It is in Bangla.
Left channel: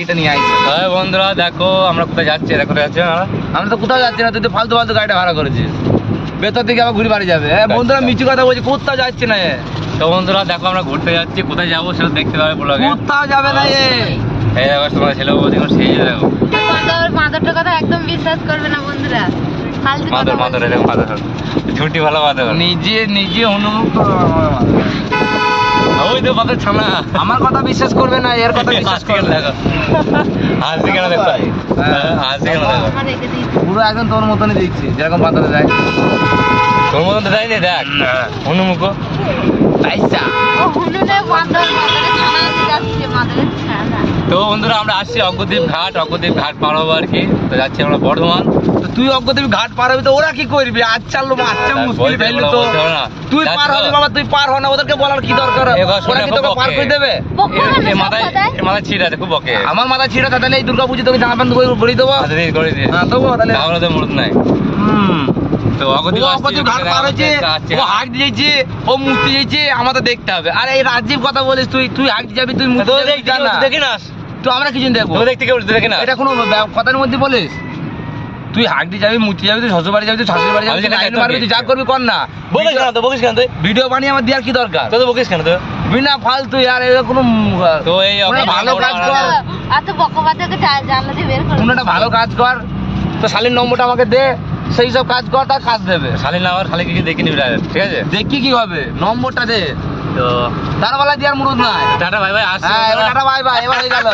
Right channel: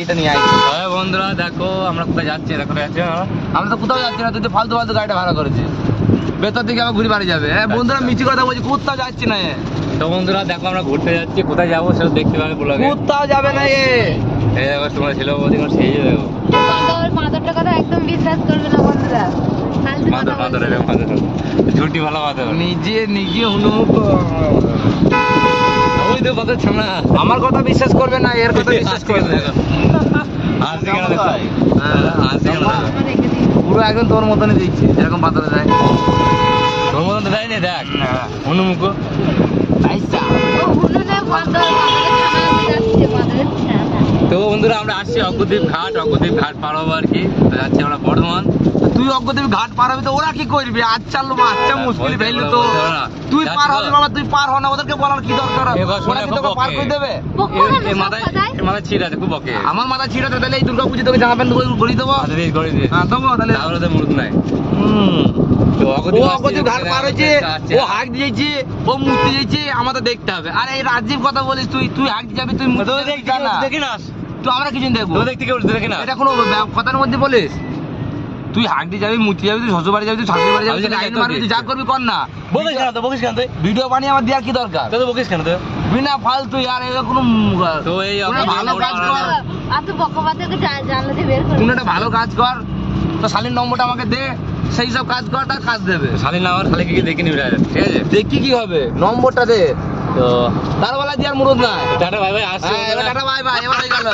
এটা নিয়ে আইছি। হ্যাঁ বন্ধুরা দেখো আমরা কোথায় যাচ্ছি, আমরা তো কোথাও যাচ্ছি না, তুই তো ফালতু ফালতু গাড়িটা ভাড়া করেছিস। বেতর দিকে আবার ঘুরে বাড়ি যাবে। বন্ধুরা মিছি কথা বলছি, কোথাও যাচ্ছি না। তো বন্ধুরা দেখো আমরা ঘুরতে যাচ্ছি, কোথায় যাবো সেটা দেখতে পাবে ব্লগে। কোথাও যাবে না। এই দেখো তোমার ছেলে বৌদি সেই দেখো মাদরটার কথা একদম বিশ্বাস করবে না বন্ধুরা। মাদর ঝুটি ভালো মাদর নিজে অনুমুক্ত। ওই তো বাদর ছানা আমার কথা বিশ্বাস করবে না, এর কথা বিশ্বাস করবে। দেখো হাসি কেন দেখো, হাসি কেন দেখো, পুরো একদম তোর মতনই দেখছি, যেরকম বাতারে দেয় তোর মতন তো দেয়নি। দেখ অনুমুখ তো বন্ধুরা আমরা আসছি অগ্রদ্বীপ ঘাট পার হবো আর কি। তো যাচ্ছি আমরা বর্ধমান। তুই অগ্রদ্বীপ ঘাট পার হবি তো ওরা কি করবি? আচ্ছা মুশকিল ফেললি তো। তুই পার হবি বাবা, তুই পার হ না, ওদেরকে বলার কি দরকার? ওরা কি তোকে পার করে দেবে? মাথায় ছিট আছে খুব বকে। আমার মাথা ছিঁড়া তাহলে এই দুর্গা পুজো তোকে জামা প্যান্ট করে দেবো। হ্যাঁ দেবো তাহলে, তাহলে তো মুরুদ নাই। তো অগ্রদ্বীপ ঘাট পার হয়েছে, ও হাঁক দিয়েছে, ও মুক্তি দিয়েছে, আমাদের দেখতে হবে। আর এই রাজীব কথা বলিস, তুই হাঁক যাবি, তুই দেখি না, তো আমরা কিছু দেখবো দেখতে কেউ দেখি না। এটা কোনো কথার মধ্যে বলিস? তুই হাঁকতে যাবি, মুচি যাবি, তুই শ্বশুর বাড়ি যাবি, তুই শাশুড়ি বাড়ি যাবি, তুই যা করবি কর না। বকিস কেন তুই? ভিডিও বানিয়ে আমার দেওয়ার কি দরকার? তো বকিস কেন তুই? বিনা ফালতু আর এটা কোনো তো এই ভালো কাজ কর, এত বকবাদকে জানলা দিয়ে বের করে কোনো একটা ভালো কাজ কর। তো শালীর নম্বরটা আমাকে দে, সেই সব কাজ কর, তার কাজ দেবে। শালীর নাম্বার খালি কি দেখে নিবি ডাইরেক্ট, ঠিক আছে? দেখি কি হবে, নম্বরটা দে। তো তার বেলা দিয়ে আর মুরুদ নাই। টাটা বাই বাই, আসছি। টাটা বাই বাই, এবার হয়ে গেল।